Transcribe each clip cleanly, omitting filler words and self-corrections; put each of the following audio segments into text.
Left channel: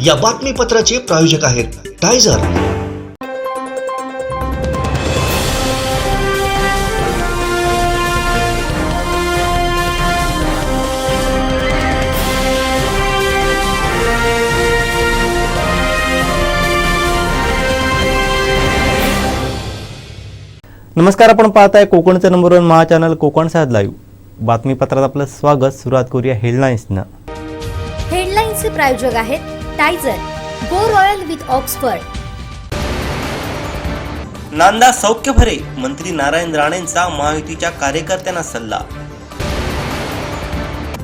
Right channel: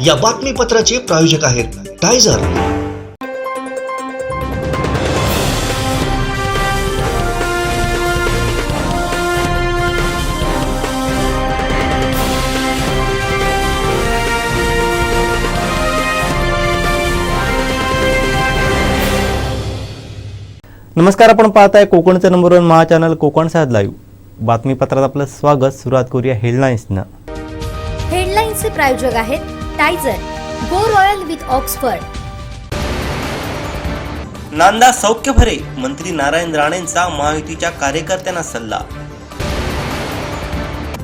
या बातमीपत्राचे प्रायोजक आहेत टायझर। नमस्कार, आपण पाहताय कोकणचं नंबर 1 महा चॅनल कोकण साध लाईव्ह। बातमीपत्रात आपलं स्वागत। सुरुवात करूया हेडलाईन्सनं। हेडलाईन्सचे प्रायोजक आहेत टायझर, गो रॉयल विथ ऑक्सफर्ड। नांदा सौख्य भरे, मंत्री नारायण राणेंचा महायुतीच्या कार्यकर्त्यांना सल्ला।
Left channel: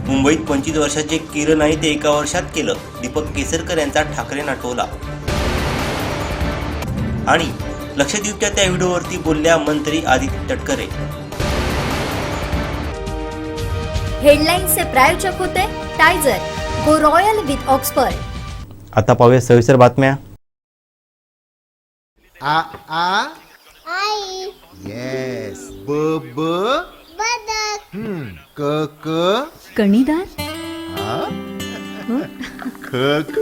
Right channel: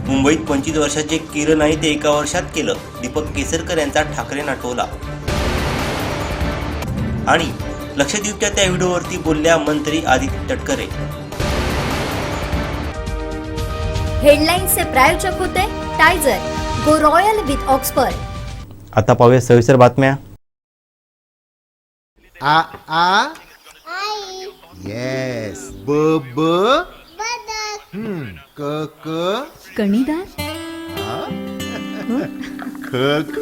मुंबईत 25 वर्षाचे केलं नाही ते एका वर्षात केलं, दीपक केसरकर यांचा ठाकरेंना टोला। आणि लक्षद्वीपच्या त्या व्हिडिओवरती बोलल्या मंत्री आदित्य तटकरे। हेडलाईन्सचे प्रायोजक होते टायझर, गो रॉयल विथ ऑक्सफर्ड। आता पाहूया सविस्तर बातम्या। आ आ आई येस ब ब बदक क क कणीदार, ख ख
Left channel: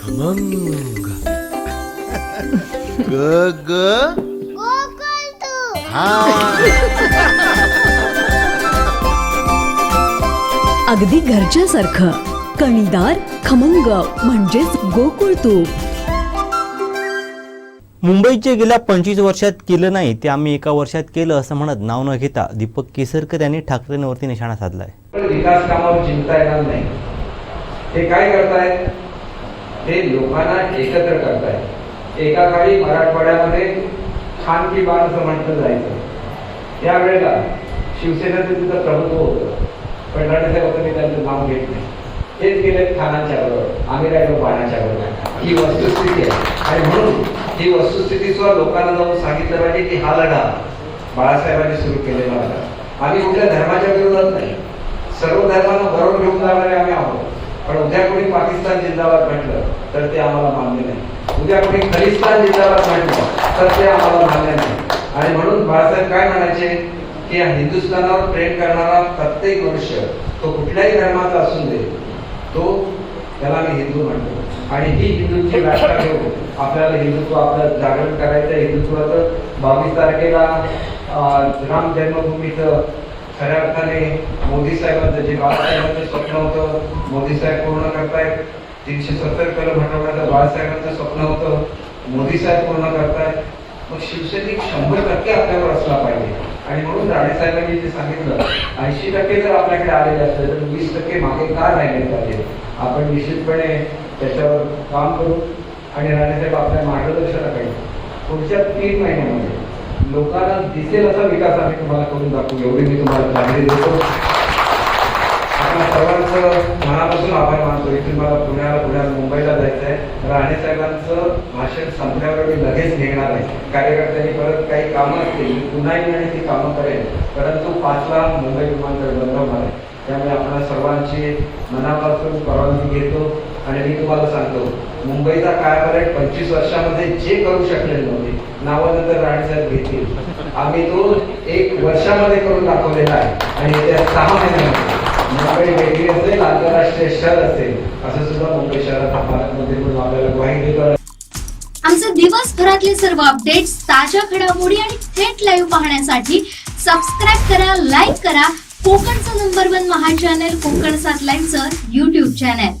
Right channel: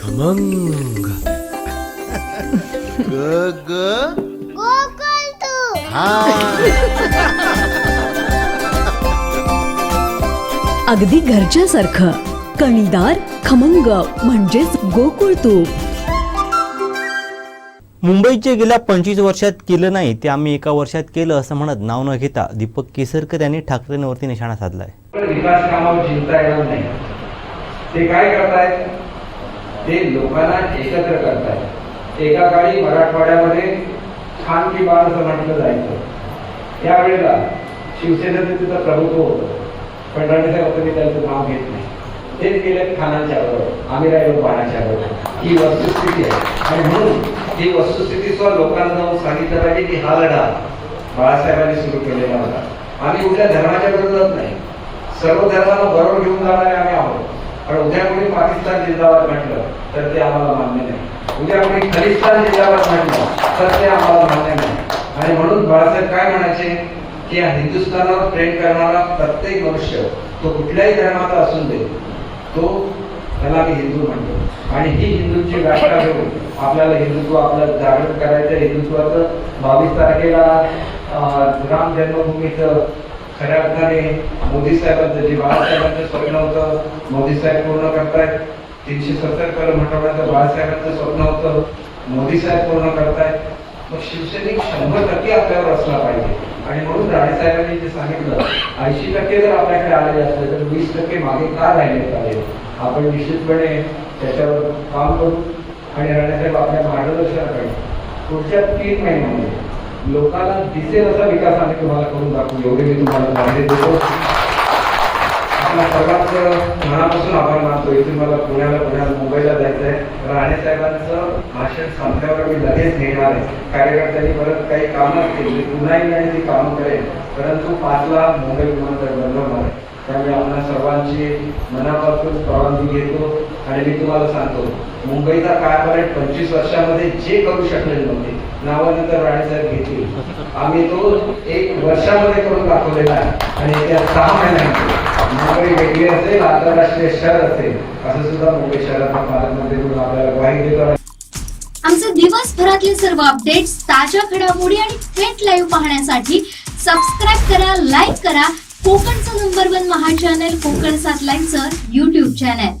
खमंग ग ग गोकुळतू अगदी घरच्यासारखं कणीदार खमंग म्हणजेच गोकुळ तूप। मुंबईचे गेल्या 25 वर्षात केलं नाही ते आम्ही एका वर्षात केलं असं म्हणत नाव न घेता दीपक केसरकर यांनी ठाकरेंवरती निशाणा साधलाय। विकास कामावर चिंता येणार नाही। ते काय करतायत, ते लोकांना एकत्र करतायत। एका काळी मराठवाड्यामध्ये खान की बात असं म्हटलं जायचं, त्यावेळेला शिवसेनेचं तिथं प्रभुत्व होतं, पण रणसाहेब तुम्ही त्यांचं नाव घेत नाही। तेच गेले खानांच्या बरोबर, आम्ही राहिलो बाणाच्या बरोबर। ही वस्तुस्थिती आहे आणि म्हणून ही वस्तुस्थिती सुद्धा लोकांना जाऊन सांगितलं पाहिजे की हा लढा बाळासाहेबांनी सुरू केलेला होता। आम्ही कुठल्या धर्माच्या विरोधात नाही, सर्व धर्मांना बरोबर घेऊन जाणारे आम्ही आहोत, पण उद्या कोणी पाकिस्तान जिंदाबाद म्हटलं तर ते आम्हाला मान्य नाही। उद्या कोणी खलिस्तान जिंदाबाद म्हटलं तर ते आम्हाला मान्य नाही। आणि म्हणून बाळासाहेब काय म्हणायचे की या हिंदुस्थानावर प्रेम करणारा प्रत्येक मनुष्य तो कुठल्याही धर्माचा असून दे, तो त्याला मी हिंदू म्हणतो। आणि ही हिंदूंची व्याख्या घेऊन आपल्याला हिंदुत्व आपलं जागृत करायचं। हिंदुत्वाचं 22 तारखेला राम जन्मभूमीचं खऱ्या अर्थाने मोदी साहेबांचं जे बाळासाहेबांचं स्वप्न होतं, मोदी साहेब पूर्ण करतायत। 370 कलम हटवण्याचं बाळासाहेबांचं स्वप्न होतं, मोदी साहेब पूर्ण करतायत। मग शिवसैनिक 100% आपल्यावर असला पाहिजे। आणि म्हणून राणेसाहेबांनी जे सांगितलं 80% जर आपल्याकडे आलेले असले तर 20% मागे का राहिले पाहिजे, आपण निश्चितपणे त्याच्यावर काम करू। आणि राणेसाहेब आपल्या मार्गदर्शनाकडे पुढच्या 3 महिन्यामध्ये लोकांना दिसेल असा विकास आम्ही तुम्हाला करून दाखवू, एवढे मी तुम्हाला माहिती देतो। आपल्या सर्वांचं मनापासून आभार मानतो। इथून मला पुण्याला मुंबईला जायचं आहे। राणेसाहेबांचं भाषण संपल्यावर मी लगेच निघणार आहे। कार्यकर्त्यांनी परत काही कामं असतील मी पुन्हा येईल आणि ती कामं करेन, परंतु 5ला मुंबई विमानतळ बनवणार आहे। त्यामुळे आपण सर्वांची मनापासून परवानगी घेतो आणि मी तुम्हाला सांगतो मुंबईचा कायापालट 25 वर्षामध्ये जे करू शकलेले नव्हते, नावाने तर राणेसाहेब घेतील, आम्ही तो 1 वर्षामध्ये करून दाखवलेला आहे। आणि त्या 6 महिन्यामध्ये मुंबई वेगळी असेल, आंतरराष्ट्रीय शहर असेल असं सुद्धा मुंबई शहराच्या पालकमंत्री म्हणून आपल्याला ग्वाही देतो। आमचे दिवसभरातले सर्व अपडेट्स, ताज्या घडामोडी आणि थेट लाईव्ह पाहण्यासाठी सबस्क्राईब करा, लाईक करा कोकणचं नंबर 1 महा चॅनल कोकण साध लाईव्हचं YouTube चॅनल।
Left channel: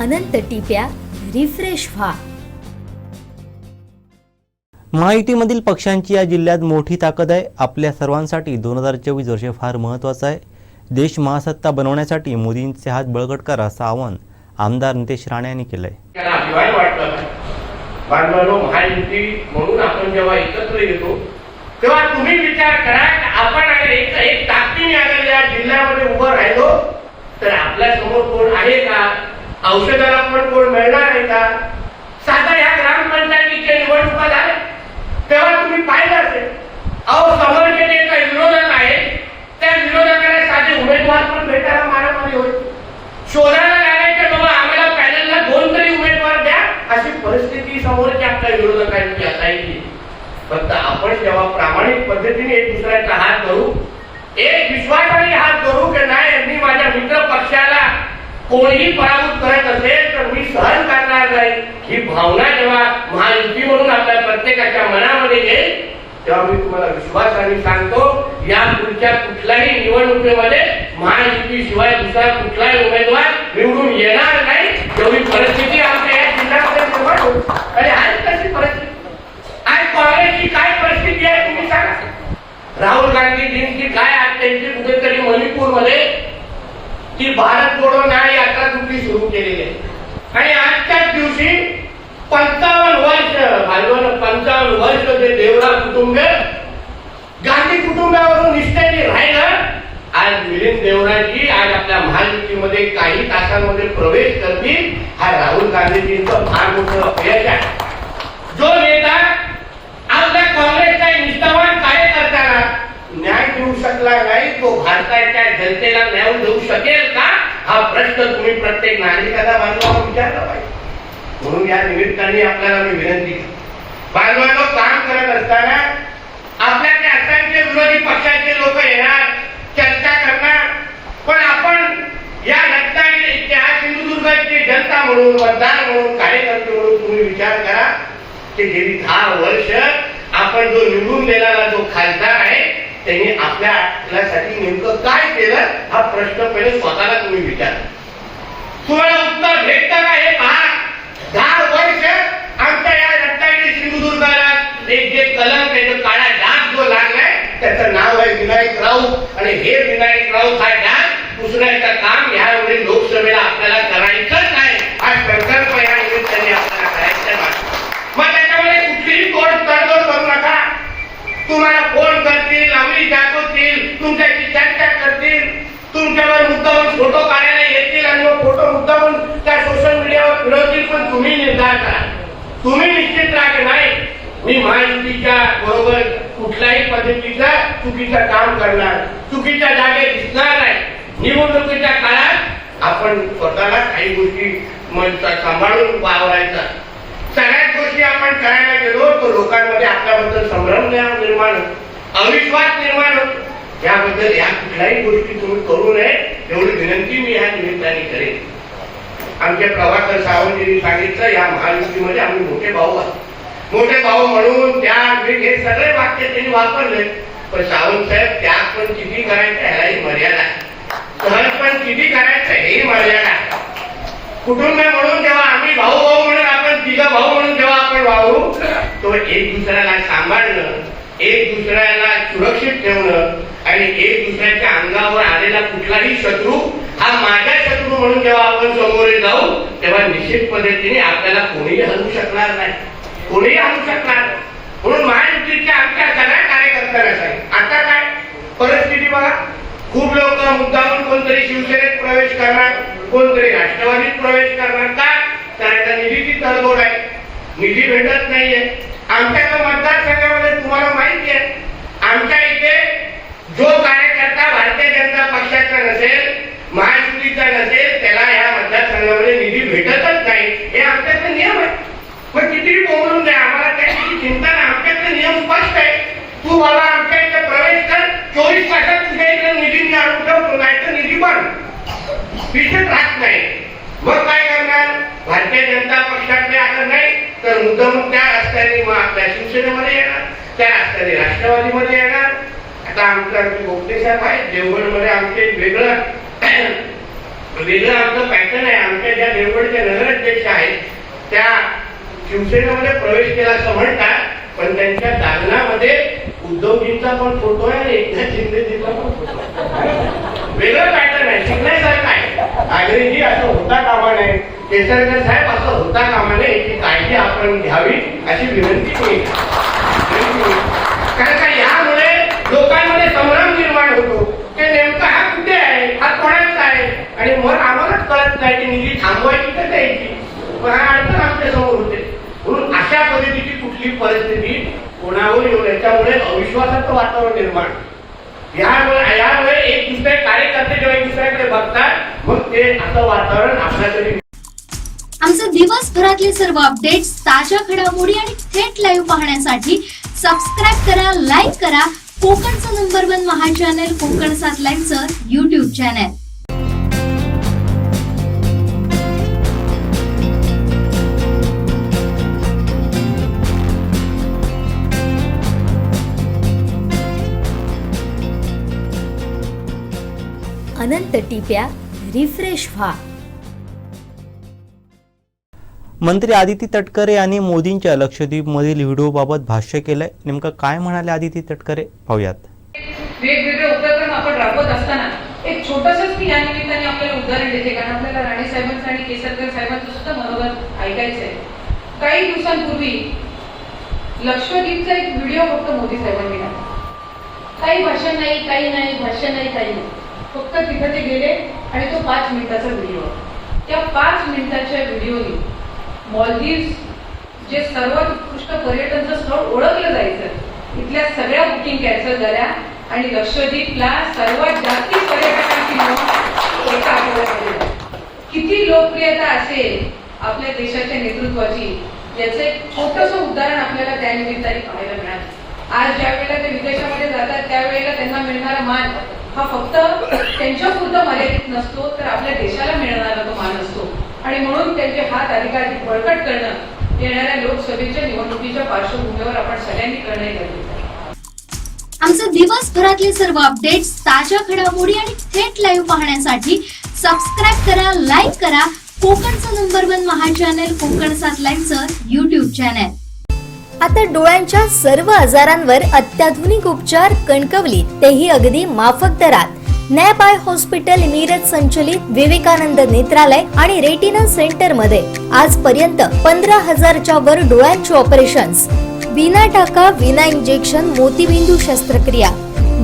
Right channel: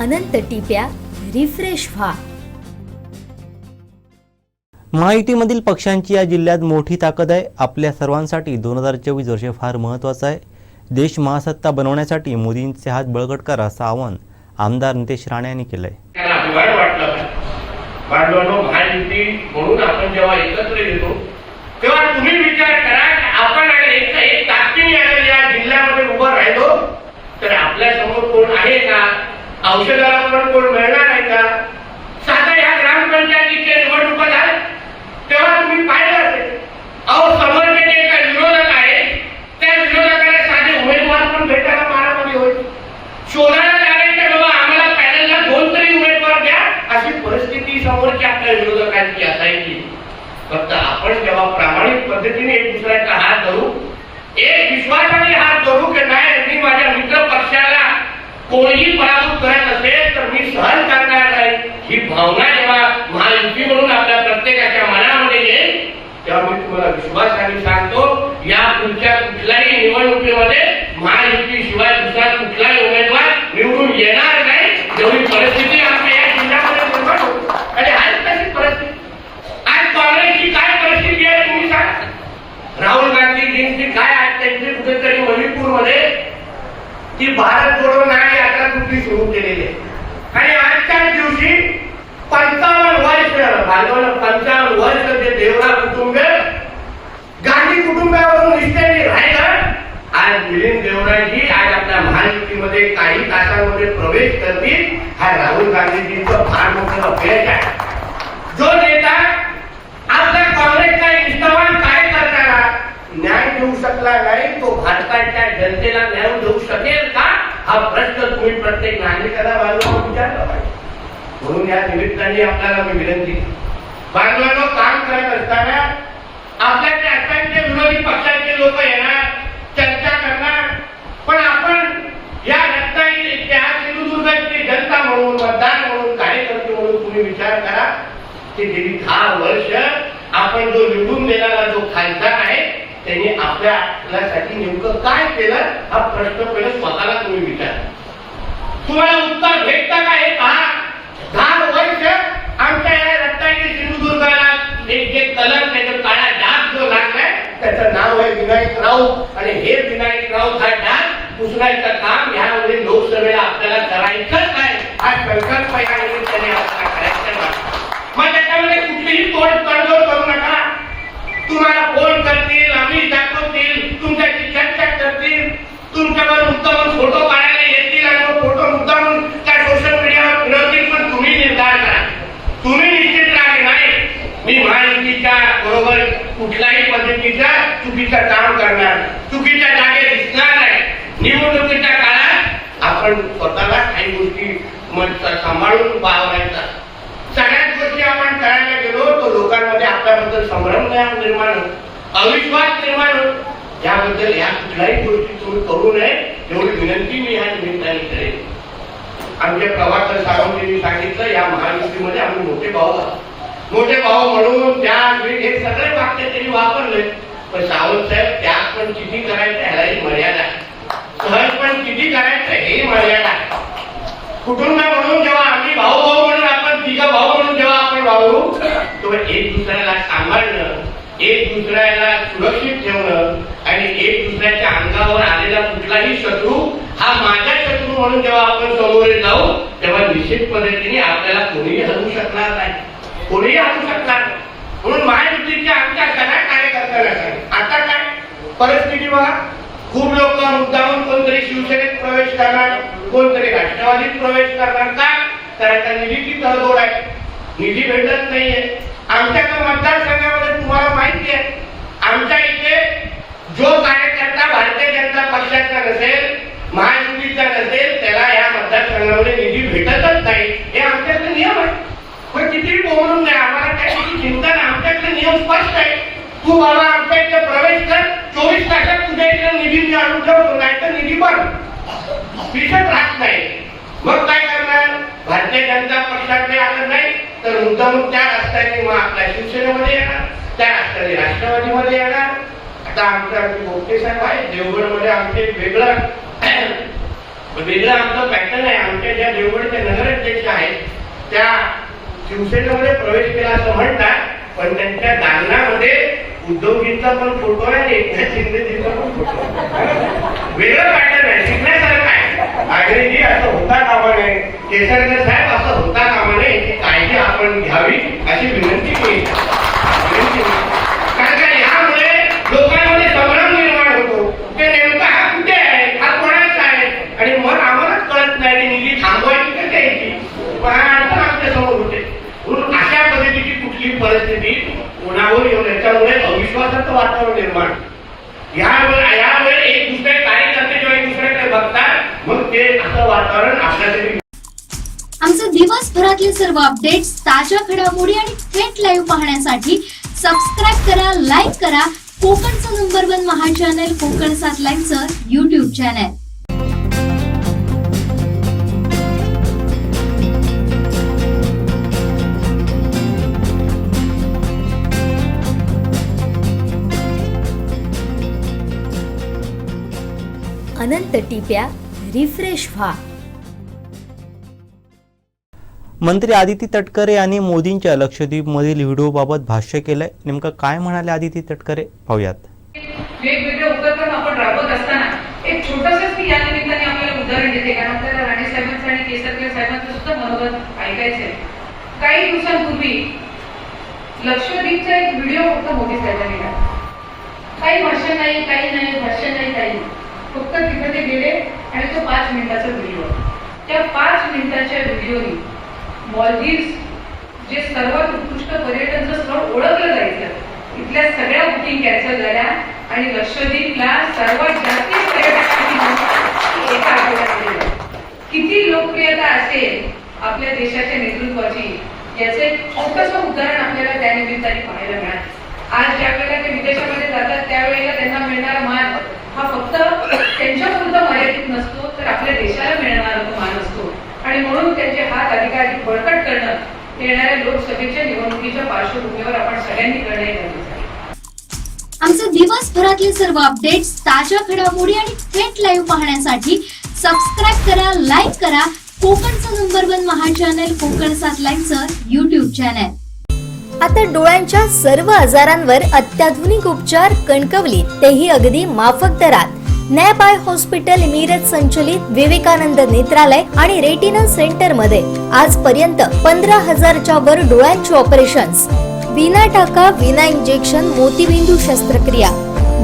अनंत टिप्या रिफ्रेश व्हा। महायुतीमधील पक्षांची या जिल्ह्यात मोठी ताकद आहे। आपल्या सर्वांसाठी 2024 वर्ष फार महत्त्वाचं आहे। देश महासत्ता बनवण्यासाठी मोदींचे हात बळकट करा असं आवाहन आमदार नितेश राणे यांनी केलंय। बांधवांनो, महायुती म्हणून आपण जेव्हा एकत्र येतो तेव्हा तुम्ही विचार करा आपण एक ताकदीने अगर या जिल्ह्यामध्ये उभं राहिलो तर आपल्या समोर कोण आहे का, औषधाला पण कोण मिळणार आहे का। साधा या ग्रामपंचायतीच्या निवडणुका झाल्या तेव्हा तुम्ही पाहिलं असेल, अहो समोरचे जे काही विरोधक आहे त्या विरोधकाला साधे उमेदवार पण भेटायला मारामारी होईल, शोधायला लागायचं बाबा आम्हाला पॅनलला 2 तरी उमेदवार द्या अशी फक्त आपण जेव्हा प्रामाणिक पद्धतीने एक दुसऱ्याचा हात धरू, एक विश्वासाने हात धरू की नाही मी माझ्या मित्र पक्षाला कोणीही पराभूत करत असेल तर मी सहन करणार नाही, ही भावना जेव्हा महायुती म्हणून आपल्या प्रत्येकाच्या मनामध्ये येईल तेव्हा मी तुम्हाला विश्वासाने सांगतो या पुढच्या कुठल्याही निवडणुकीमध्ये महायुती शिवाय दुसरा कुठलाही उमेदवार निवडून येणार नाही, एवढी परिस्थिती आमच्या या जिल्ह्यामध्ये निर्माण होईल. आणि आज कशी परिस्थिती, आज काँग्रेसची काय परिस्थिती आहे तुम्ही सांगा. राहुल गांधीजींची काय आज त्यांची कुठेतरी मणिपूरमध्ये ती भारत जोडो न्याय यात्रा कुठली सुरू केलेली आहे. आणि आजच्या दिवशी 55 वर्ष जे देवरा कुटुंब गांधी कुटुंबावरून निष्ठेने राहिलं, आज मिलिंद देवराजी आज आपल्या महायुतीमध्ये काही तासांमध्ये प्रवेश करतील. हा राहुल गांधीजींचं फार मोठं अपयश आहे. जो नेता आपल्या काँग्रेसचा निष्ठावान कार्यकर्त्याला न्याय देऊ शकला नाही तो भारताच्या जनतेला न्याय देऊ शकेल का, हा प्रश्न तुम्ही प्रत्येक नागरिकाला बाजूला विचारला पाहिजे. म्हणून या निमित्ताने आपल्याला मी विनंती, बांधवांनो काम करत असताना आपल्या त्या असंख्य विरोधी पक्षाचे लोक येणार, चर्चा करणार, पण आपण या रत्नागिरी इतिहास सिंधुदुर्गचे जनता म्हणून, मतदार म्हणून, कार्यकर्ते म्हणून तुम्ही विचार करा की गेली 10 वर्ष आपण जो निवडून दिलेला जो खासदार आहे त्यांनी आपल्यासाठी नेमकं काय केलं, हा प्रश्न पहिले स्वतःला तुम्ही विचारा. तुम्हाला उत्तर भेटतं का हे पहा. 10 वर्ष आमच्या या रत्नागिरी सिंधुदुर्गाला एक जे कलम त्याचा काळा डाग जो लागलाय त्याचं नाव आहे विनायक राऊत. आणि हे विनायक राऊत हा डाग पुसण्याचं काम यामध्ये लोकसभेला आपल्याला करायचंच आहे. हा संकल्प या निमित्ताने आपल्याला करायचा आहे. मग त्याच्यामध्ये कुठलीही तोडतोड करू नका. तुम्हाला फोन करतील, आम्ही दाखवतील, तुमच्याशी चर्चा करतील, तुमच्यावर मुद्दामून फोटो काढायला येतील आणि मग फोटो मुद्दामून त्या सोशल मीडियावर फिरवतील. पण तुम्ही निर्धार करा, तुम्ही निश्चित राहा नाही मी महायुतीच्या बरोबर कुठल्याही पद्धतीचं चुकीचं काम करणार, चुकीच्या जागे दिसणार आहे. निवडणुकीच्या काळात आपण स्वतःला काही गोष्टी सांभाळून वावरायचा. सगळ्याच गोष्टी आपण करायला गेलो तर लोकांमध्ये आपल्याबद्दल संभ्रम निर्माण होतो, अविश्वास निर्माण होतो. याबद्दल या कुठल्याही गोष्टी तुम्ही करू नये एवढी विनंती मी या निमित्ताने करेन. आमचे प्रभाकर सावंत सांगितलं या महायुतीमध्ये आम्ही मोठे भाऊ आहोत. मोठे भाऊ म्हणून त्याग हे सगळे वाक्य त्यांनी वापरले. पण सावंत साहेब त्याग पण किती करायचं ह्यालाही मर्यादा आहे, सहज पण किती करायचं हे मर्यादा आहे. कुटुंब म्हणून जेव्हा आम्ही भाऊ भाऊ म्हणून आपण तिघं भाऊ म्हणून जेव्हा आपण वावरू तो एक दुसऱ्याला सांभाळणं, एक दुसऱ्याला सुरक्षित ठेवणं आणि एक दुसऱ्याच्या अंगावर आलेला कुठलाही शत्रू हा माझा शत्रू म्हणून जेव्हा आपण समोर जाऊ तेव्हा निश्चित पद्धतीने आपल्याला कोणीही हरवू शकणार नाही, कोणीही हरवू शकणार नाही. म्हणून महायुतीच्या आमच्या सगळ्या कार्यकर्त्यांना सांग, आता काय परिस्थिती बघा. खूप लोक मुद्दामून कोणतरी शिवसेनेत प्रवेश करणार, कोणतरी राष्ट्रवादीत प्रवेश करणार. का तर निधीची तडजोड आहे, निधी भेटत नाहीये. आमच्या मतदारसंघामध्ये तुम्हाला माहिती आहे आमच्या इथे जो कार्यकर्ता भारतीय जनता पक्षाचा नसेल, महायुतीचा नसेल त्याला या मतदारसंघामध्ये निधी भेटतच नाही. हे आमच्याकडे नियम आहे. पण किती बोलून द्या, आम्हाला त्याची चिंता नाही. आमच्याकडे नियम स्पष्ट आहे. तू बाबा आमच्या इथे प्रवेश कर, 24 तासात तुझ्या इथे निधी आणून ठेवतो, नाही तर निधी पण दिसत राहत नाही. मग काय करणार? भारतीय जनता पक्षाकडे आलं नाही तर मुद्दामून त्या रस्त्याने मग आपल्या शिवसेनेमध्ये येणार, त्या रस्त्याने राष्ट्रवादीमध्ये येणार. आता आमचं गोपटे साहेब आहे देवगडमध्ये, आमचे वेगळं आमचं पॅटर्न आहे. आमच्या ज्या देवगडचे नगराध्यक्ष आहेत त्या शिवसेनेमध्ये प्रवेश केला असं म्हणतात, पण त्यांच्या दालनामध्ये उद्धवजींचा पण फोटो आहे आणि एकनाथ शिंदेजीचा पण फोटो आहे. वेगळं पॅटर्न आहे, शिकण्यासारखं आहे. आग्रेजी असं होता कामा नये, केसरकर साहेब असं होता कामा नये, याची काळजी आपण घ्यावी अशी विनंती केली. कारण का यामुळे लोकांमध्ये संभ्रम निर्माण होतो की नेमका हा कुठे आहे, हा कोणाचा आहे आणि मग आम्हालाच कळत नाही की निधी थांबवायची का द्यायची. पण हा अडचण आमच्या समोर होते. म्हणून अशा पद्धतीची कुठली परिस्थिती कोणावर येऊन याच्यामुळे अविश्वासाचं वातावरण निर्माण. यावेळी एक दुसरे कार्यकर्ते जेव्हा एक दुसऱ्याकडे बघतात मग ते असं वातावरण आपल्यासाठी. आमचे दिवसभरातले सर्व अपडेट्स, ताज्या घडामोडी आणि थेट लाईव्ह पाहण्यासाठी सबस्क्राईब करा, लाईक करा कोकणचं नंबर 1 महा चॅनल कोकण 7 लाईव्हचं YouTube चॅनल. अनंत टिप्या रिफ्रेश व्हा. मंत्री आदिती तटकरे यांनी मोदींच्या लक्षद्वीपमधील व्हिडिओबाबत भाष्य केलंय. नेमकं काय म्हणाले आदिती तटकरे पाहूयात. वेगवेगळे उपक्रम आपण राबवत असताना एक छोटंसंच मी या निमित्ताने आपल्याला उदाहरण देते, कारण आपल्याला राणे साहेबांचं आणि केसरकर साहेबांचं सुद्धा मनोगत ऐकायचं आहे. काही दिवसांपूर्वी लक्षद्वीपचा एक व्हिडिओ फक्त मोदी साहेबांनी टाकला. काही भाषण नाही, काही नाही. फक्त तिथे ते गेले आणि तो 5 मिनिटाचा व्हिडिओ. त्या 5 मिनिटाच्या व्हिडिओनी मॉलदीव्स जे सर्वात उत्कृष्ट पर्यटनाचं स्थळ ओळखलं जायचं, इथल्या सगळ्या बुकिंग कॅन्सल झाल्या आणि लक्षद्वीपला सर्वात जास्त पर्यटकांची एका आठवड्यात किती लोकप्रियता असेल आपल्या देशाच्या नेतृत्वाची, याचं एक छोटंसं उदाहरण आपल्याला त्या निमित्ताने पाहायला मिळालं. आज ज्या वेळेला ते विदेशामध्ये जातात त्यावेळेला त्यांना मिळणारा मान हा फक्त त्यांच्यापुरता मर्यादित नसतो, तर आपल्या देशाला मिळणारा तो मान असतो. आणि म्हणून त्यांचे हात अधिकाधिक बळकट करणं येणाऱ्या लोकसभेच्या निवडणुकीच्या पार्श्वभूमीवर आपण सगळ्यांनी करणे गरजेचं आहे. आमचे दिवसभरातले सर्व अपडेट्स, ताज्या घडामोडी आणि थेट लाईव्ह पाहण्यासाठी सबस्क्राईब करा, लाईक करा कोकणचं नंबर 1 महा चॅनल कोकण 7 लाईव्हचं YouTube चॅनल. आता डोळ्यांच्या सर्व आजारांवर अत्याधुनिक उपचार कणकवलीत, तेही अगदी माफक दरात. नॅप आय हॉस्पिटल मिरज संचलित विवेकानंद नेत्रालय आणि रेटिना सेंटर मध्ये आजपर्यंत 15,000च्या वर डोळ्यांची ऑपरेशन्स, विना टाका, विना इंजेक्शन, मोतीबिंदू शस्त्रक्रिया,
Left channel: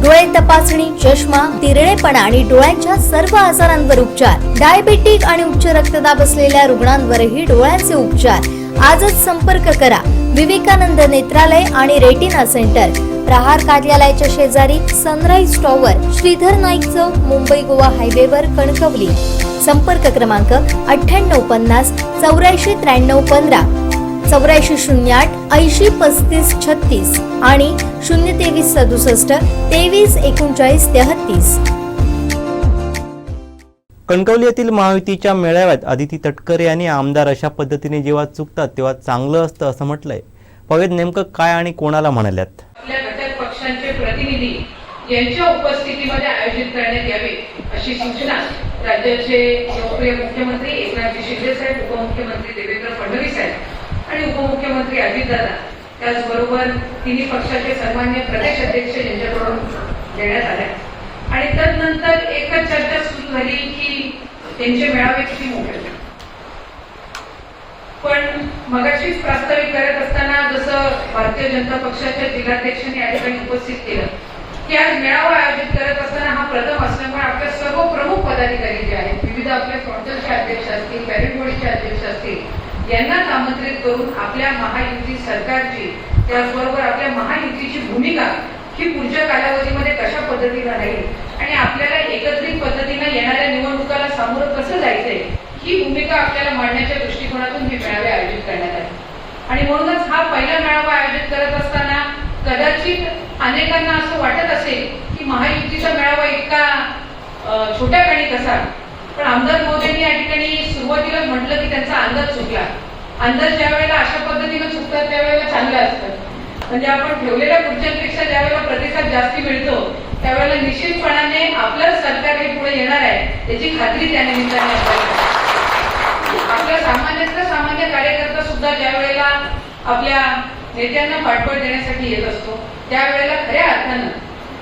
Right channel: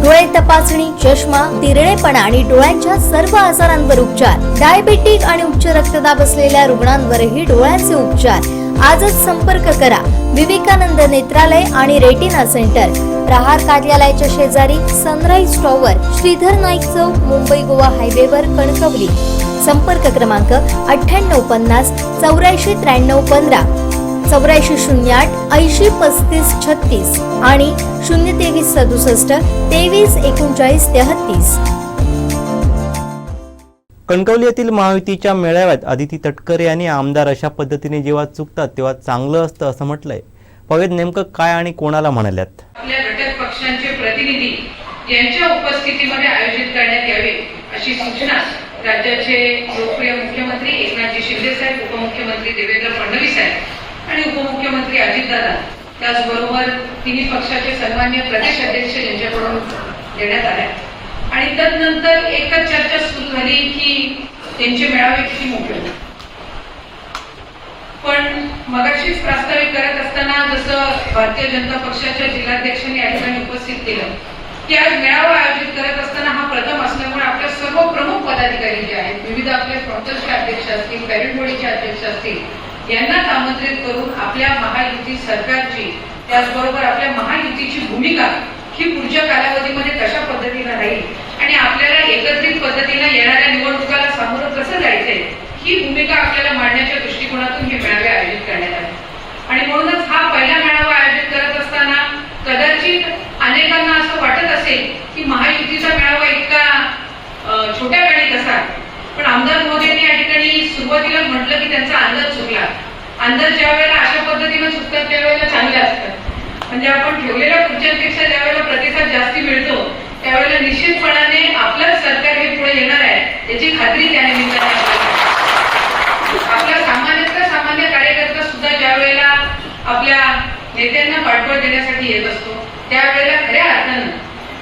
डोळे तपासणी, चष्मा, तिरळेपणा आणि डोळ्यांच्या सर्व आजारांवर उपचार. डायबेटिक आणि उच्च रक्तदाब असलेल्या रुग्णांवरही डोळ्यांचे उपचार. आजच संपर्क करा विवेकानंद नेत्रालय आणि रेटिना सेंटर, प्रहार कार्यालयाच्या शेजारी, सनराईज टॉवर, श्रीधर नाईक चौक, मुंबई गोवा हायवेवर, कणकवली. संपर्क क्रमांक 9850 84 93 15, 8408 80 35 36 आणि 023 67 23 39 33. कणकवली येथील महायुतीच्या मेळाव्यात आदिती तटकरे यांनी आमदार अशा पद्धतीने जेव्हा चुकतात तेव्हा चांगलं असतं असं म्हटलंय. पाहूयात नेमकं काय आणि कोणाला म्हणाल्यात. आपल्या घटक पक्षांचे प्रतिनिधी यांच्या उपस्थितीमध्ये आयोजित करण्यात यावे अशी सूचना राज्याचे लोकप्रिय मुख्यमंत्री एकनाथजी शिंदे साहेब, उपमुख्यमंत्री देवेंद्र फडणवीस साहेब आणि उपमुख्यमंत्री अजितदादा, त्याचबरोबर तिन्ही पक्षाचे सन्मान्य प्रदेश अध्यक्ष यांच्याकडून देण्यात आल्या. आणि त्यानंतर एकच चर्चा सुरू झाली की त्यांचे मेळावे किती मोठे. पण मगाशीच प्रास्ताविक करत असताना जसं भारतीय जनता पक्षाच्या जिल्हाध्यक्षांनी या ठिकाणी उपस्थित केलं की आज मेळावा आयोजित करत असताना हा प्रथम असल्यामुळे आपल्या सर्व प्रमुख पदाधिकारी जे आहेत, विविध आपल्या फ्रॉन्टलचे अध्यक्ष असतील, पॅरेड बॉडीचे अध्यक्ष असतील, यांनाच आमंत्रित करून आपल्या महायुती सरकारची, त्याचबरोबर आपल्या महायुतीची भूमिका ही पुढच्या कालावधीमध्ये कशा पद्धतीने राहील आणि आपल्याला एकत्रित पद्धतीने येणाऱ्या निवडणुकाला सामोरं कसं जायचंय ही भूमिका आपल्याला मांडण्याच्या दृष्टिकोनातून हे मेळावे आयोजित करण्यात आले. आणि म्हणूनच हा पहिला मेळावा आयोजित करत असताना कदाचित अनेकांना असं वाटत असेल की महायुतीचा मेळावा इतका छोट्या काळी कसा. पण आमदार महोदयांनी या ठिकाणी सुरुवातीला म्हटलं की त्यांचा अंदाज चुकला. अंदाज ज्या वेळेला अशा पद्धतीने चुकतात त्यावेळेला चांगले असतात. म्हणजे आपण ठेवलेल्या खुर्च्यांपेक्षा ज्या वेळेला प्रतिसाद जास्ती मिळतो त्यावेळेला निश्चितपणाने आपलं सरकार हे पुढे येणार आहे याची खात्री त्या निमित्ताने आपल्या सामान्य कार्यकर्ता सुद्धा ज्या वेळेला आपल्या नेत्यांना पाठबळ देण्यासाठी येत असतो त्यावेळेला खऱ्या अर्थानं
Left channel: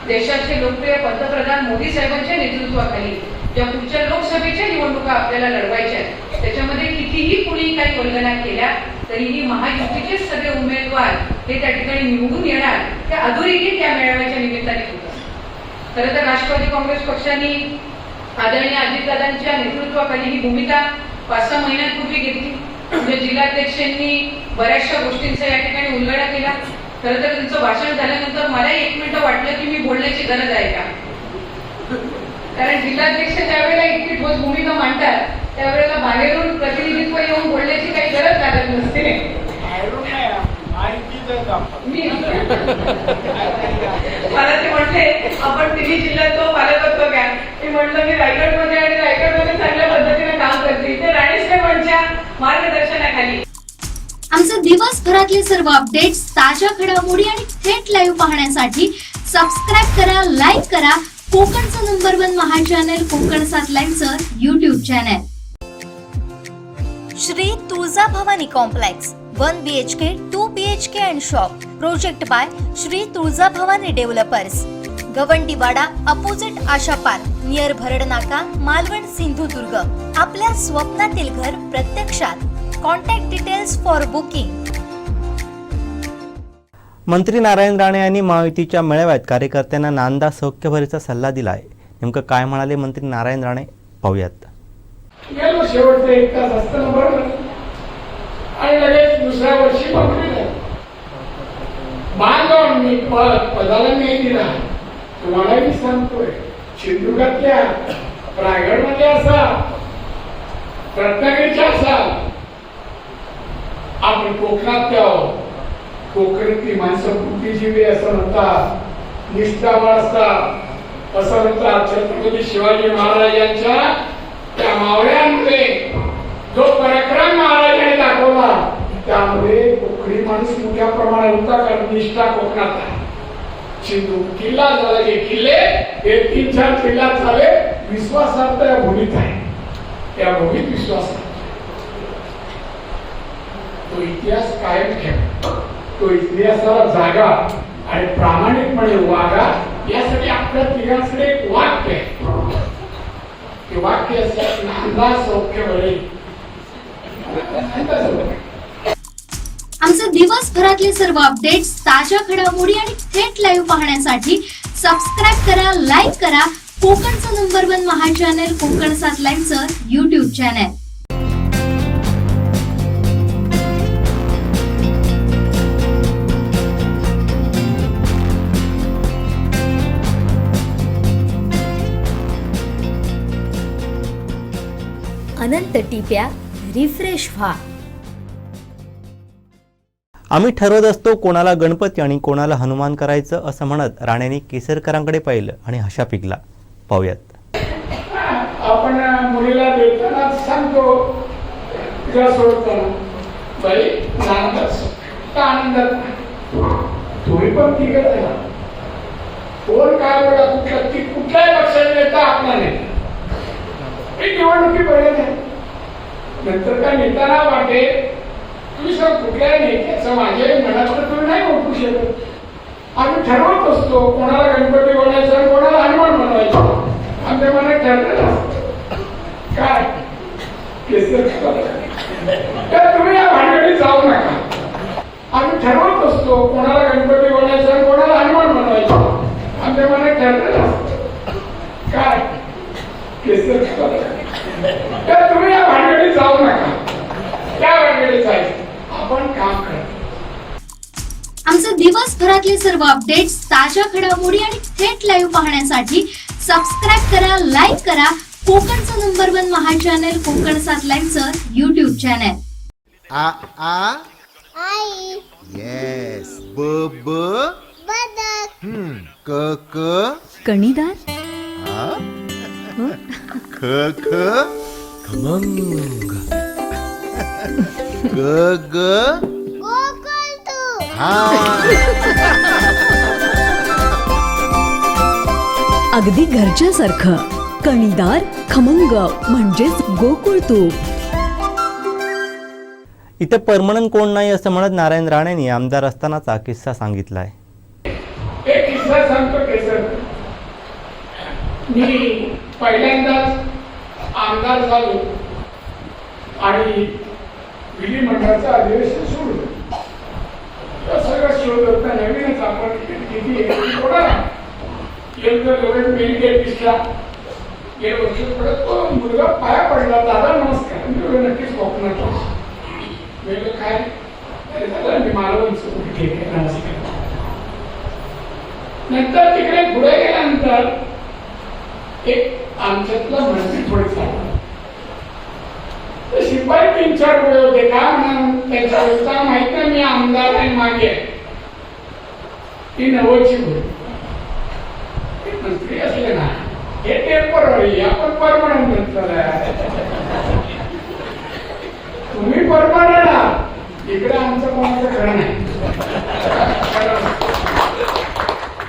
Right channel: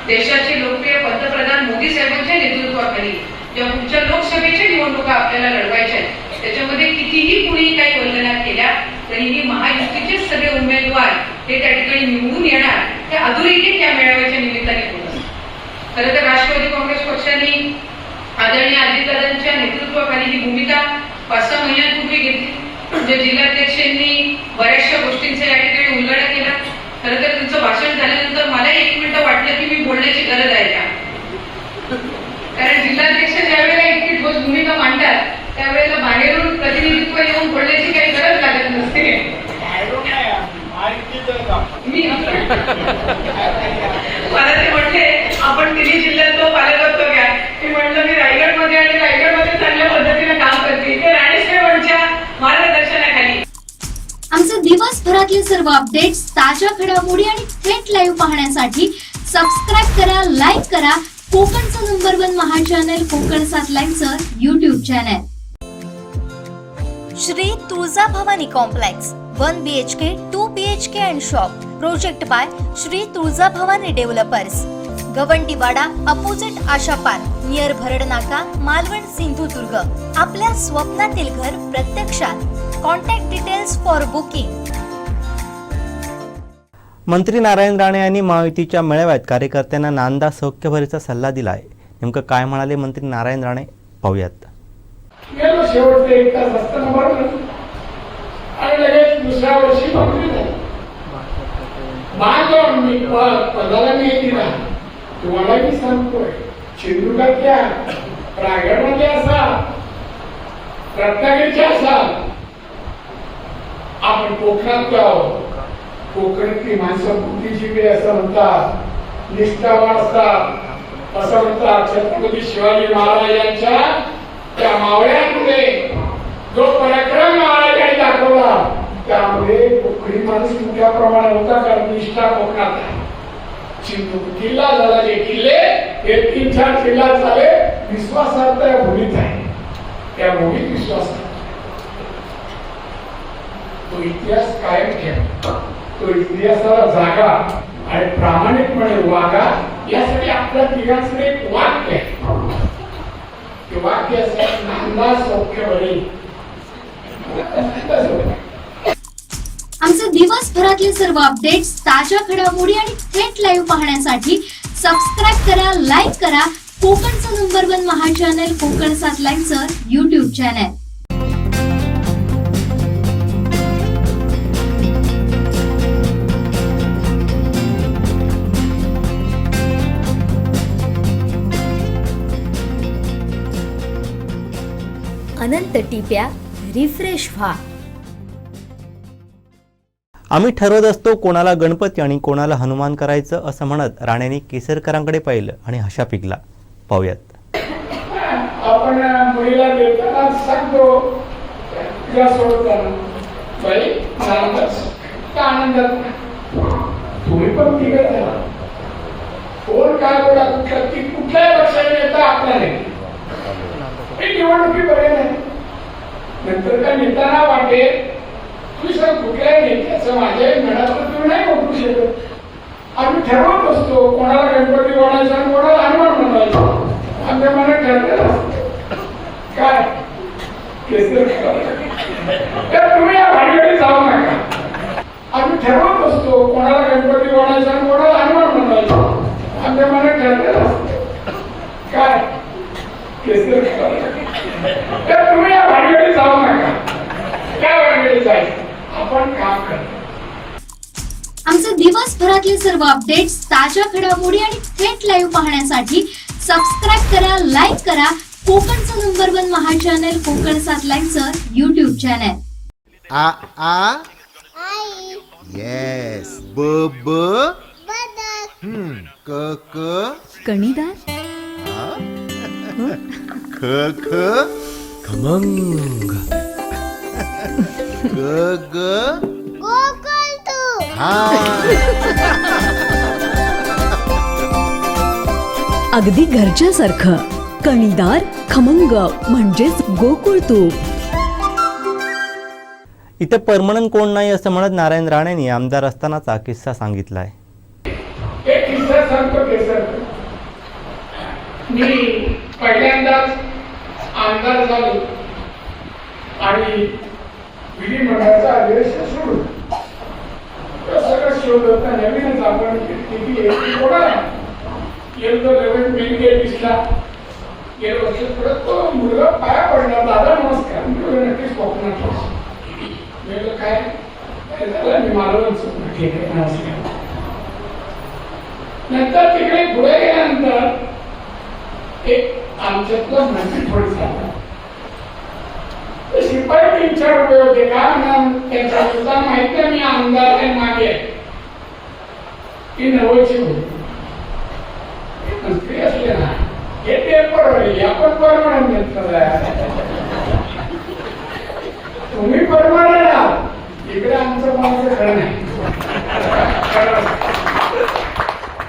देशाचे लोकप्रिय पंतप्रधान मोदी साहेबांच्या नेतृत्वाखाली ज्या पुढच्या लोकसभेच्या निवडणुका आपल्याला लढवायच्या आहेत त्याच्यामध्ये कितीही कुणी काही वल्गना केल्या तरीही महायुतीचेच सगळे उमेदवार हे त्या ठिकाणी निवडून येणार हे अधोरेखित त्या मेळाव्याच्या निमित्ताने होत असतं. खरं तर राष्ट्रवादी काँग्रेस पक्षाने आदरणीय अजितदादांच्या नेतृत्वाखाली ही भूमिका 5-6 महिन्यांपूर्वी घेतली. म्हणजे जिल्हाध्यक्षांनी बऱ्याचशा गोष्टींचा या ठिकाणी उल्लेख केला. खरं तर तुमचं भाषण झाल्यानंतर मला 1 मिनिट वाटलं की मी बोलण्याची गरज आहे का, कारण जिल्हाध्यक्ष ज्यावेळेला इतकी ठोस भूमिका मांडतात त्यावेळेला बाहेरून प्रतिनिधित्व येऊन बोलण्याची काही गरज लागत नसते. मी मला ते म्हटले आपण तिन्ही जिल्ह्यात तो पालकत्व घ्या. मी म्हटलं मी रायगडमध्ये आणि रायगडमध्ये चांगल्या पद्धतीने काम करते. ते राणीसाहेबांच्या मार्गदर्शनाखाली. आमचे दिवसभरातले सर्व अपडेट्स, ताज्या घडामोडी आणि थेट लाईव्ह पाहण्यासाठी सबस्क्राईब करा, लाईक करा कोकणचं नंबर 1 महा चॅनल कोकण 7 लाईव्हचं YouTube channel. Shri Tuljabhavani complex 1 BHK 2 BHK and shop. Project by Shri Tuljabhavani developers. Gawandiwada opposite Asha park near Bharad Naka, Malvan, Sindhudurg. आपल्या स्वप्नातील घर प्रत्यक्षात. Contact details for booking. मंत्री नारायण राणे यांनी महायुतीच्या मेळाव्यात कार्यकर्त्यांना नांदा सौख्यभरीचा सल्ला दिला आहे. नेमकं काय म्हणाले मंत्री नारायण राणे पाहूयात. गेलो शेवटचा 1 तास असताना बरोबर आणि लगेच दुसऱ्या वर्षी मंत्री झाले. बांधव मी पदाला मी दिला. तुम्हाला मी सांगतोय, सिंधुदुर्गातल्या, रायगडमधल्या असाल, रत्नागिरीच्या असाल, आपण कोकणातल्या आहोत. कोकणातली माणसं बुद्धिजीवी असं म्हणतात, निष्ठावान असतात असं म्हणतात. छत्रपती शिवाजी महाराज यांच्या त्या मावळ्यांमध्ये जो पराक्रम महाराजांनी दाखवला त्यामध्ये कोकणी माणूस मोठ्या प्रमाणात होता. कारण निष्ठा कोकणात आहे. सिंधू किल्ला झाला, जे किल्ले हे 3-4 किल्ला झाले. विश्वासात त्या भूमीत आहे, त्या भूमीत विश्वास आहे. तो इतिहास कायम ठेवा, तो इतिहासाला जागा आणि प्रामाणिकपणे वागा. यासाठी आपल्या तिघांकडे एक वाक्य आहे. ते वाक्य असं, नांदा सौख्यभरी. आमचे दिवसभरातले सर्व अपडेट्स, ताज्या घडामोडी आणि थेट लाईव्ह पाहण्यासाठी सबस्क्राईब करा, लाईक करा कोकणचं नंबर 1 महा चॅनल कोकण 7 लाईव्हचं YouTube चॅनल. अनंत टिप्या रिफ्रेश व्हा. आम्ही ठरवत असतो कोणाला गणपती आणि कोणाला हनुमान करायचं असं म्हणत राणेंनी केसरकरांकडे पाहिलं आणि हशा पिकला. पाहूयात. आपण मुलीला देताना सांगतो, तिला सोडताना बाई आनंदात तुम्ही पण तिघच आहे. कोण काय पडा कुठल्याही पक्षाने नेता आपला नाही. निवडणुकी बरे नाही. नंतर काय नेताना वाटे तुम्ही सर कुठल्या नेत्याचं माझ्या मनात तुम्ही नाही ओळखू शकत. आम्ही ठरवत असतो कोणाला गणपती बनायचा आणि कोणाला हनुमान बनवायचा. आमच्या मनात ठरलेलं असतं काय केसर. तर तुम्ही या भानगडीत जाऊ नका. आम्ही ठरवत असतो कोणाला गणपती बनायचा आणि कोणाला हनुमान बनवायचा. आमच्या मनात ठरलेलं असतं काय केसर. तर तुम्ही या भानगडीत जाऊ नका. त्या भानगडीत जायचं, आपण काम करतो. आमचे दिवसभरातले सर्व अपडेट्स, ताज्या घडामोडी आणि थेट लाईव्ह पाहण्यासाठी सबस्क्राईब करा, लाईक करा कोकणचं नंबर 1 महा चॅनल कोकण 7 लाईव्हचं YouTube चॅनल. आ आ आई. येस. ब ब बदक. क क कणीदार. ख ख खमंग. ग ग गोकुळतू. अगदी घरच्यासारखं कणीदार खमंग म्हणजेच गोकुळ तूप. इथे परमनंट कोण नाही असं म्हणत नारायण राणेंनी आमदार असतानाचा किस्सा सांगितलाय. एक किस्सा सांगतो केसर. मी पहिल्यांदाच आमदार झालो आणि विधिमंडळाचा अधिवेशन सुरू. सगळं शोध होता नवीनच. आपण किती दिसला मुलगा पाया पडला. दादा नमस्कार. नक्कीच कोकणात काय मी मालवण ठीक आहे नमस्कार. नंतर तिकडे पुढे गेल्यानंतर एक आमच्यातला माहिती थोडी सांगतात. शिपाई 3-4 रुपये होते का त्यांच्या माहिती मी आमदार आहे मागे नवलची होती. मंत्री असले ना हे टेम्पररी, आपण परमनंट घेतलं. तुम्ही परमनंट आहात, इकडे आमचं कोणाचं खरं नाही.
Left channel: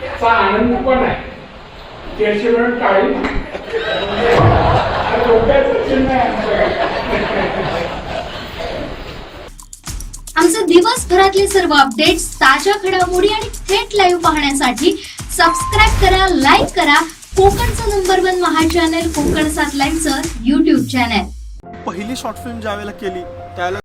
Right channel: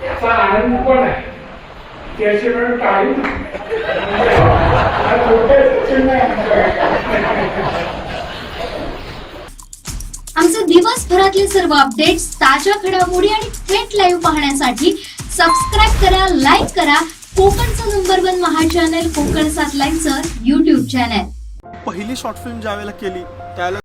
त्याचा आनंद पण आहे. त्याची वेळ टाळी आमचे दिवसभरातले सर्व अपडेट्स, ताज्या घडामोडी आणि थेट लाईव्ह पाहण्यासाठी सबस्क्राईब करा, लाईक करा कोकणचं नंबर 1 महा चॅनल कोकण 7 लाईव्हचं YouTube चॅनल. पहिली शॉर्ट फिल्म ज्यावेळेला केली त्यावेळेला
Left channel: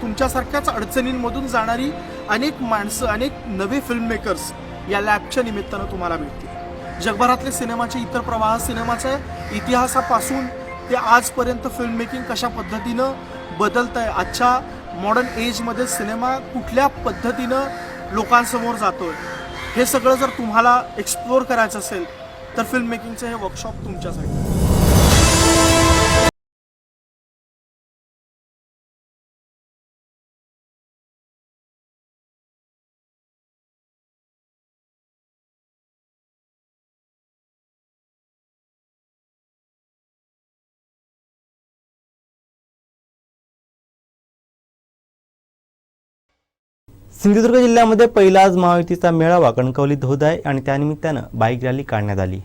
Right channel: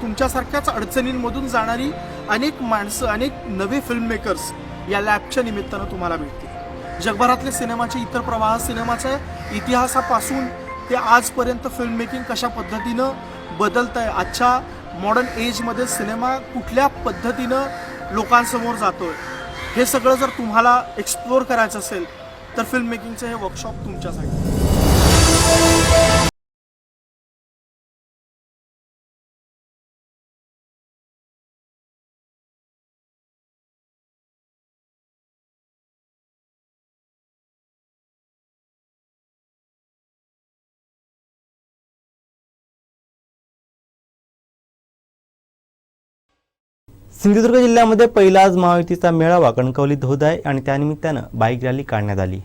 तुमच्यासारख्याच अडचणींमधून जाणारी अनेक माणसं, अनेक नवे फिल्म मेकर्स या लॅबच्या निमित्तानं तुम्हाला मिळतील. जगभरातले सिनेमाचे इतर प्रवाह, सिनेमाच्या इतिहासापासून ते आजपर्यंत फिल्म मेकिंग कशा पद्धतीनं बदलत आहे, आजच्या मॉडर्न एजमध्ये सिनेमा कुठल्या पद्धतीनं लोकांसमोर जातोय, हे सगळं जर तुम्हाला एक्सप्लोअर करायचं असेल तर फिल्म मेकिंगचं हे वर्कशॉप तुमच्यासाठी. सिंधुदुर्ग जिल्ह्यामध्ये पहिलाच महायुतीचा मेळावा कणकवलीत होत आहे आणि त्यानिमित्तानं बाईक रॅली काढण्यात आली.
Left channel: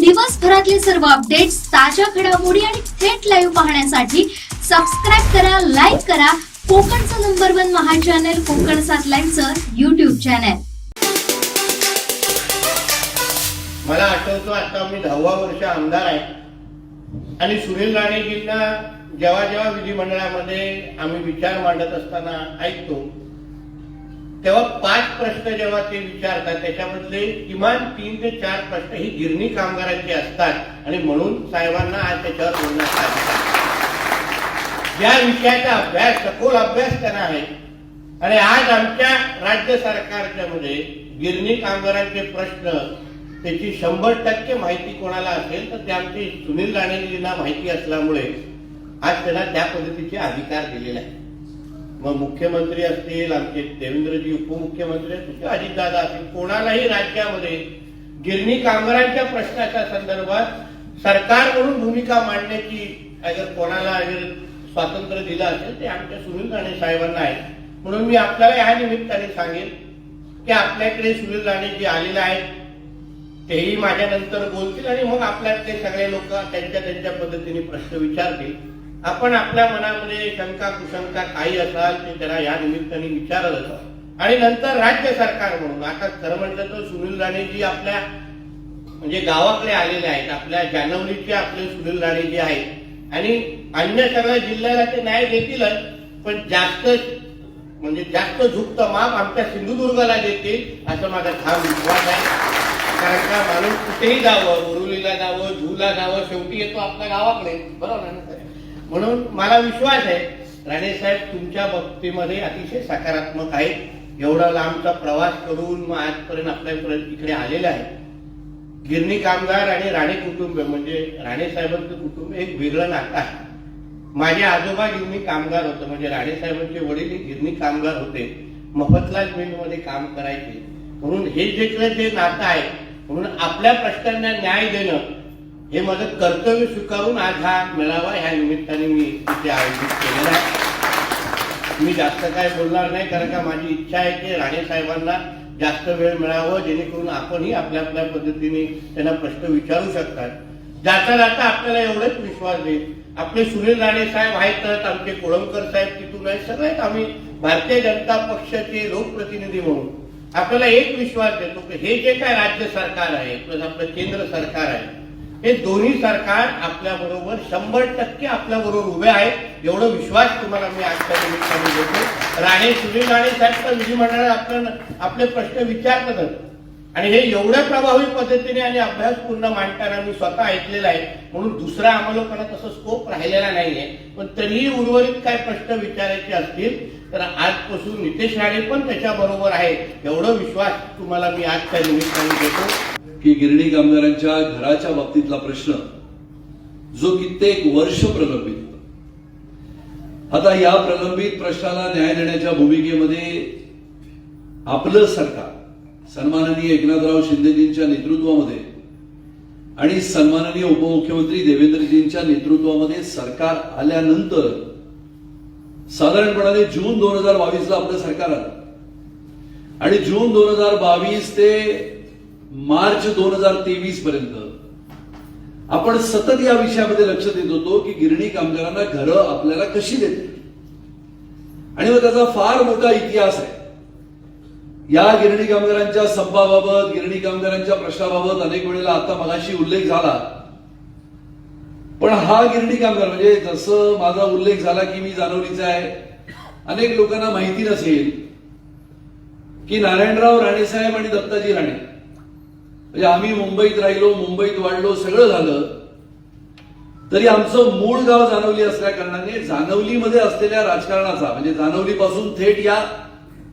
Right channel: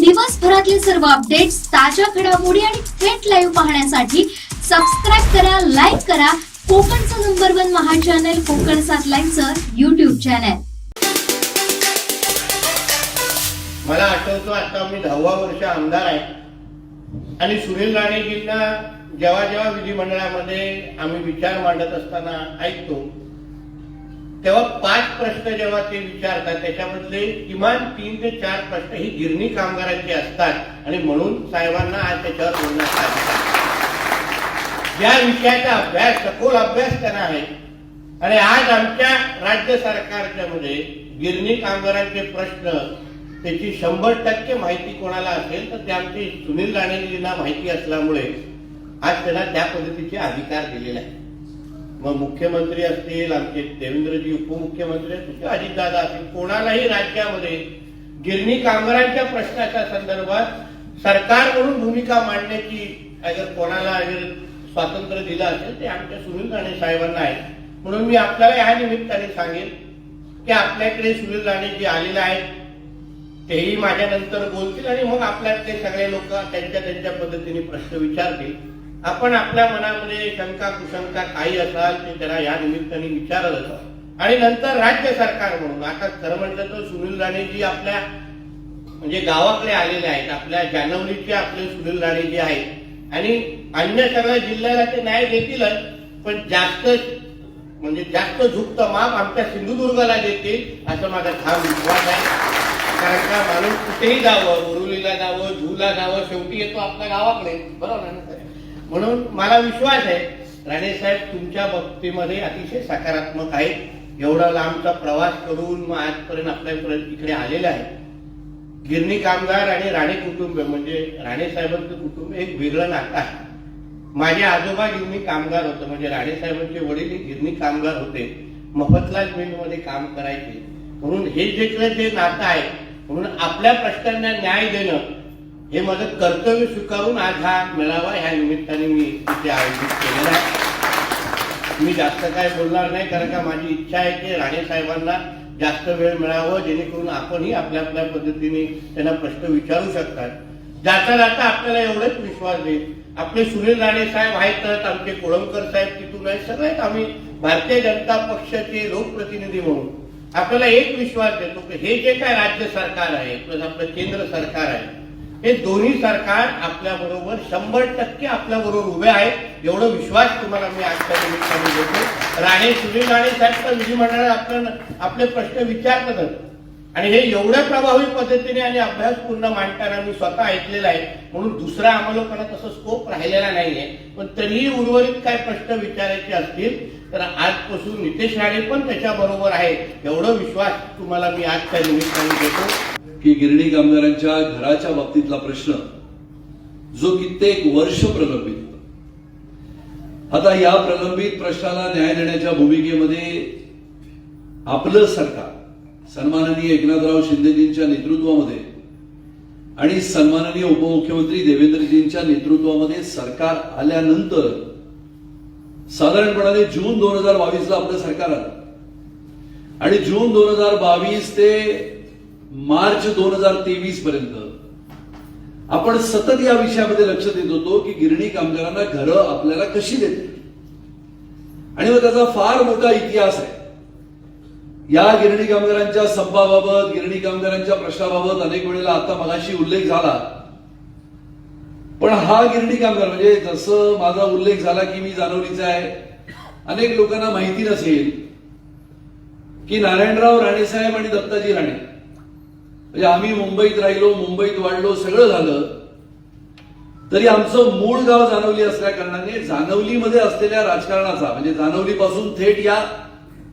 दिवसभरातले सर्व अपडेट्स, ताज्या घडामोडी आणि थेट लाईव्ह पाहण्यासाठी सबस्क्राईब करा, लाईक करा कोकणचं नंबर 1 महा चॅनल कोकण 7 लाईव्हचं YouTube चॅनल. मला आठवतो आता मी 10वा वर्ष आमदार आहे आणि सुनील राणेजींना जेव्हा जेव्हा विधिमंडळामध्ये आम्ही विचार मांडत असताना ऐकतो तेव्हा 5 प्रश्न जेव्हा ते विचारतात त्याच्यामधले किमान 3 ते 4 प्रश्न ही गिरणी कामगारांची असतात आणि म्हणून साहेबांना आज त्याच्यावर बोलण्याचा अधिकार आहे. या विषयाचा अभ्यास सखोल अभ्यास त्यांना आहे आणि आज आमच्या राज्य सरकारच्या मध्ये गिरणी कामगारांचे प्रश्न त्याची 100% माहिती कोणाला असेल तर ते आमचे सुनील राणेंना माहिती असल्यामुळे आज त्यांना त्या पद्धतीचे अधिकार दिलेले आहेत. मग मुख्यमंत्री असतील, आमचे देवेंद्रजी उपमुख्यमंत्री असतील, अजितदादा असतील, कोणालाही राज्यामध्ये गिरणी कामगारांच्या प्रश्नाच्या संदर्भात सरकार म्हणून भूमिका मांडण्याची अगर कोणाला स्वातंत्र्य दिलं असेल ते आमच्या सुनील राणे साहेबांना आहे. म्हणून मी आपल्याला या निमित्ताने सांगेन की आपल्याकडे सुनील राणेजी आलेले आहेत, तेही माझ्यानंतर बोलतील आणि मग आपल्यातले सगळे लोक त्यांच्या पद्धतीने प्रश्न विचारतील. आपण आपल्या मनामध्ये शंका कुशंका काही असाल ते त्यांना या निमित्ताने विचारलं आणि नंतर राज्य सरकार म्हणून आता खरं म्हटलं तर सुनील राणेजी आपल्या म्हणजे गावाकडे आलेले आहेत, आपल्या जानवलीचे आपले सुनील राणेजी आहेत आणि अन्य सगळ्या जिल्ह्याला ते न्याय देतीलच, पण जास्त झुकतं माप आमच्या सिंधुदुर्गाला देतील असं माझा ठाम विश्वास आहे. कारण का माणूस कुठेही जावं, बोरुलीला जावं, झूला जावं, शेवटी येतो आपल्या गावाकडे, बरोबर ना. म्हणून मला विश्वास आहे राणेसाहेब तुमच्या बाबतीमध्ये अतिशय सकारात्मक आहे. एवढा लांबचा प्रवास करून मग आजपर्यंत आपल्यापर्यंत इकडे आलेले आहे. गिरणी कामगार आणि राणे कुटुंब म्हणजे राणेसाहेबांचं कुटुंब एक वेगळं नातं आहे. माझे आजोबा गिरणी कामगार होते, म्हणजे राणेसाहेबांचे वडील गिरणी कामगार होते, मफतलाल मिलमध्ये काम करायचे. म्हणून हे जे नातं आहे म्हणून आपल्या प्रश्नांना न्याय देणं हे माझं कर्तव्य स्वीकारून आज हा मेळावा ह्या निमित्ताने मी इथे आयोजित केलेला आहे. मी जास्त काय बोलणार नाही कारण का माझी इच्छा आहे की राणे साहेबांना जास्त वेळ मिळावं जेणेकरून आपणही आपल्या आपल्या पद्धतीने त्यांना प्रश्न विचारू शकतात. जाता जाता आपल्याला एवढंच विश्वास देईल, आपले सुनील राणे साहेब आहेत, आमचे कोळंबकर साहेब तिथून आहेत, सगळेच आम्ही भारतीय जनता पक्षाचे लोकप्रतिनिधी म्हणून आपल्याला एक विश्वास देतो की हे जे काय राज्य सरकार आहे प्लस आपलं केंद्र सरकार आहे हे दोन्ही सरकार आपल्या बरोबर 100% आपल्या बरोबर उभे आहेत. एवढा विश्वास तुम्हाला मी आजच्या निमित्ताने देतो. राणे सुनील राणे साहेब तर विधिमंडळात आपले प्रश्न विचारतातच आणि हे एवढ्या प्रभावी पद्धतीने आणि अभ्यासपूर्ण मांडताना मी स्वतः ऐकलेलं आहे. म्हणून दुसरा आम्हाला लोकांना तसं स्कोप राहिलेला नाहीये, पण तरीही उर्वरित काय प्रश्न विचारायचे असतील तर आजपासून नितेश राणे पण त्याच्या बरोबर आहे. एवढा विश्वास तुम्हाला मी आजच्या निमित्ताने देतो की गिरणी कामगारांच्या घराच्या बाबतीतला प्रश्न जो कित्येक वर्ष प्रलंबित होता, आता या प्रलंबित प्रश्नाला न्याय देण्याच्या भूमिकेमध्ये आपलं सरकार सन्माननीय एकनाथराव शिंदेजींच्या नेतृत्वामध्ये आणि सन्माननीय उपमुख्यमंत्री देवेंद्रजींच्या नेतृत्वामध्ये सरकार आल्यानंतर साधारणपणाने जून 2022ला आपलं सरकार आलं आणि जून 2022 ते मार्च 2023 पर्यंत आपण सतत या विषयामध्ये लक्ष देत होतो की गिरणी कामगारांना घरं आपल्याला कशी देतील आणि मग त्याचा फार मोठा इतिहास आहे. या गिरणी कामगारांच्या संपाबाबत, गिरणी कामगारांच्या प्रश्नाबाबत अनेक वेळेला आता मगाशी उल्लेख झाला, पण हा गिरणी कामगार म्हणजे जसं माझा उल्लेख झाला की मी जानवलीचा आहे, अनेक लोकांना माहिती नसेल की नारायणराव राणेसाहेब आणि दत्ताजी राणे म्हणजे आम्ही मुंबईत राहिलो, मुंबईत वाढलो, सगळं झालं तरी आमचं मूळ गाव जानवली असल्या कारणाने जानवलीमध्ये असलेल्या राजकारणाचा म्हणजे जानवलीपासून थेट या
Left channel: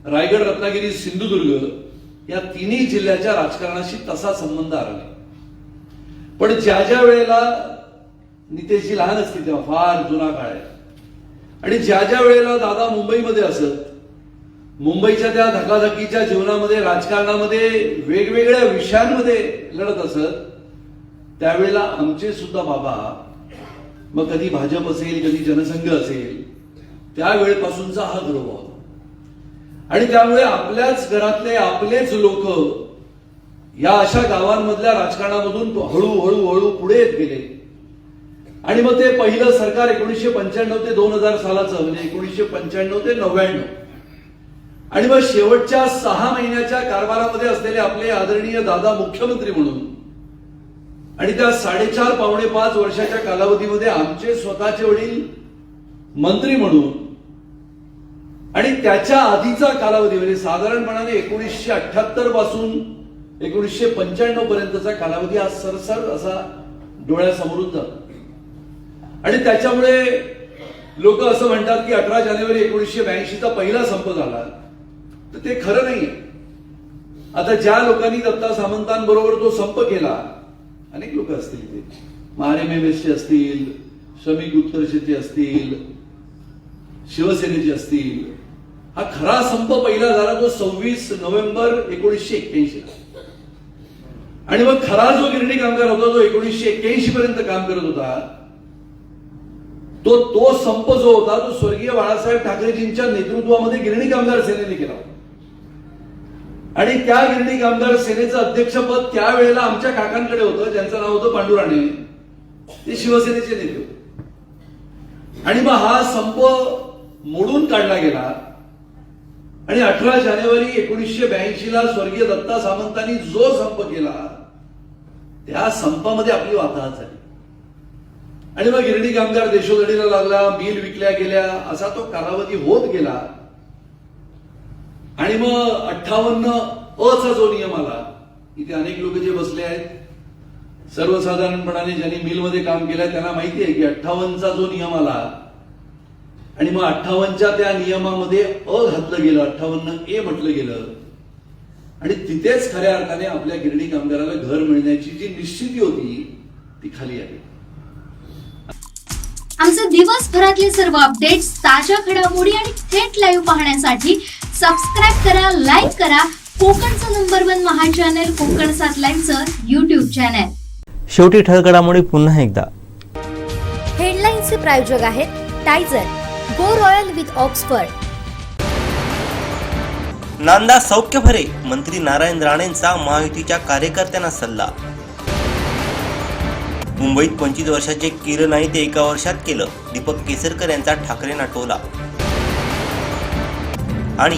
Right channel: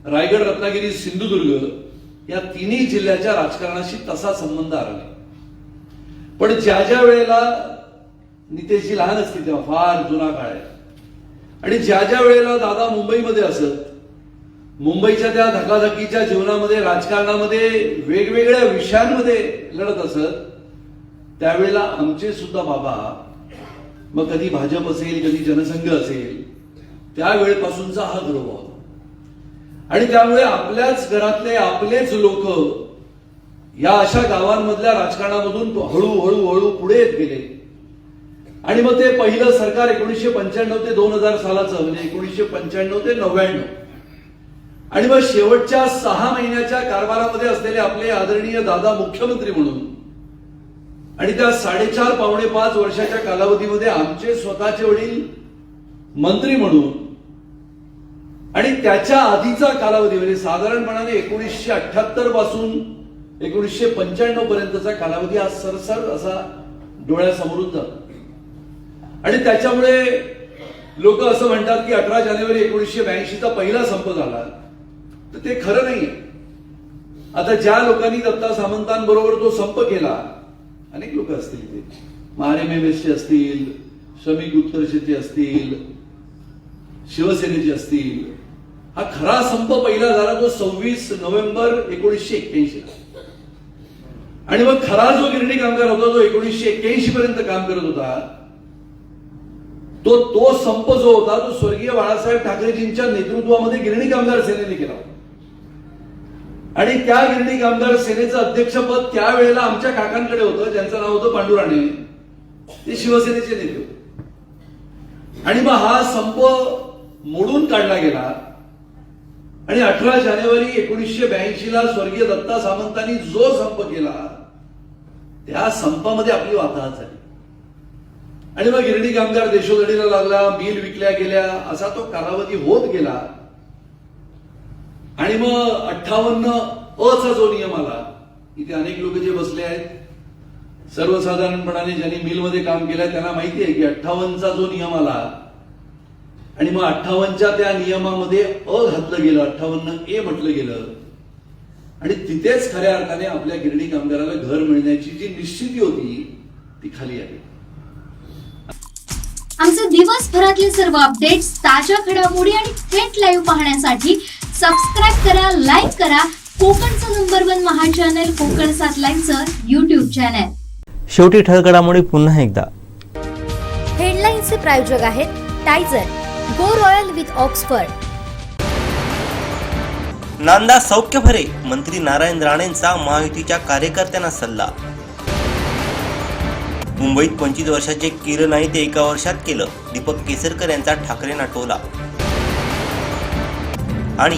रायगड, रत्नागिरी, सिंधुदुर्ग या तिन्ही जिल्ह्याच्या राजकारणाशी तसा संबंध आला नाही. पण ज्या ज्या वेळेला नितेशजी लहान असतील तेव्हा फार जुना काळ आहे आणि ज्या ज्या वेळेला दादा मुंबईमध्ये असत, मुंबईच्या त्या धकाधकीच्या जीवनामध्ये राजकारणामध्ये वेगवेगळ्या विषयांमध्ये लढत असत, त्यावेळेला आमचे सुद्धा बाबा मग कधी भाजप असेल, कधी जनसंघ असेल, त्यावेळेपासूनचा हा गर्व होता आणि त्यामुळे आपल्याच घरातले आपलेच लोक या अशा गावांमधल्या राजकारणामधून हळूहळू पुढे येत गेले आणि मग ते पहिलं सरकार 1995 ते 2000 सालाचं म्हणजे 1995 ते 99 आणि मग शेवटच्या 6 महिन्याच्या कारभारामध्ये असलेले आपले आदरणीय दादा मुख्यमंत्री म्हणून आणि त्या 4.5 पावणे 5 वर्षाच्या कालावधीमध्ये आमचे स्वतःचे वडील मंत्री म्हणून आणि त्याच्या आधीचा कालावधी म्हणजे साधारणपणाने 1978 पासून 1995 पर्यंतचा कालावधी हा सरसर असा डोळ्यासमोरून जातो. आणि त्याच्यामुळे लोक असं म्हणतात की 18 जानेवारी 1982चा पहिला संप झाला, तर ते खरं नाहीये. आता ज्या लोकांनी दत्ता सामंतांबरोबर तो संप केला, अनेक लोक असतील, ते RMMSचे असतील, श्रमिक उत्कर्षचे असतील, शिवसेनेचे असतील. हा खरा संप पहिला झाला तो 26 नोव्हेंबर 1981. आणि मग खरा जो गिरणी कामगार होता, जो 1981 पर्यंत काम करत होता, तो संप जो होता तो स्वर्गीय बाळासाहेब ठाकरेजींच्या नेतृत्वामध्ये गिरणी कामगार सेनेने केला. आणि त्या गिरणी कामगार सेनेचं अध्यक्षपद त्यावेळेला आमच्या काकांकडे होतं, ज्यांचं नाव होतं पांडुराणे. ते शिवसेनेचे नेते होते. आणि मग हा संप मोडून काढला गेला. आणि 18 जानेवारी 1982ला स्वर्गीय दत्ता सामंतांनी जो संप केला, त्या संपामध्ये आपली वाताहत झाली. आणि मग गिरणी कामगार देशोधडीला लागला, मिल विकल्या गेल्या, असा तो कालावधी होत गेला. आणि मग 58 जो नियम आला, इथे अनेक लोक जे बसले आहेत, सर्वसाधारणपणाने ज्यांनी मिलमध्ये काम केलंय त्यांना माहिती आहे की 58 जो नियम आला, आणि मग 58च्या त्या नियमामध्ये घातलं गेलं, 58A म्हटलं गेलं. आणि तिथेच खऱ्या अर्थाने आपल्या गिरणी कामगाराला घर मिळण्याची जी निश्चिती होती ती खाली आली. आमचे दिवसभरातले सर्व अपडेट्स, ताज्या घडामोडी आणि थेट लाईव्ह पाहण्यासाठी सबस्क्राईब करा, लाईक करा कोकणचं #1 महा चॅनल कोकण 7 लाईव्हचं YouTube चॅनल. शेवटी ठळक घडामोडी पुन्हा एकदा. हेडलाईन्सचे प्रायोजक आहेत टायझर, गो रॉयल विथ ऑक्सफर्ड. नांदा सौख्य भरे, मंत्री नारायण राणेंचा महायुतीच्या कार्यकर्त्यांना सल्ला. मुंबईत 25 वर्षाचे किरण नाही ते एका वर्षात केलं, दीपक केसरकर यांचा ठाकरेंना टोला. आणि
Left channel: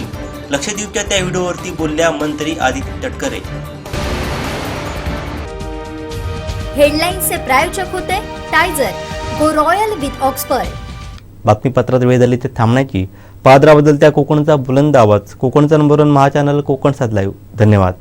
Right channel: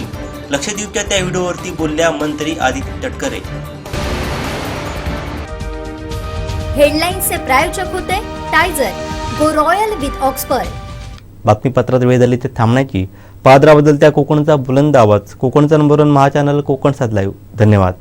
लक्षद्वीपच्या त्या व्हिडिओवरती बोलल्या मंत्री आदित्य तटकरे. हेडलाईन्सचे प्रायोजक होते टायझर, गो रॉयल विथ ऑक्सफर्ड. बातमीपत्रात वेळ झाली ते थांबण्याची. पादरा बदलत्या कोकणचा बुलंद आवाज. कोकणचा #1 महा चॅनल कोकण 7 लाईव्ह. धन्यवाद.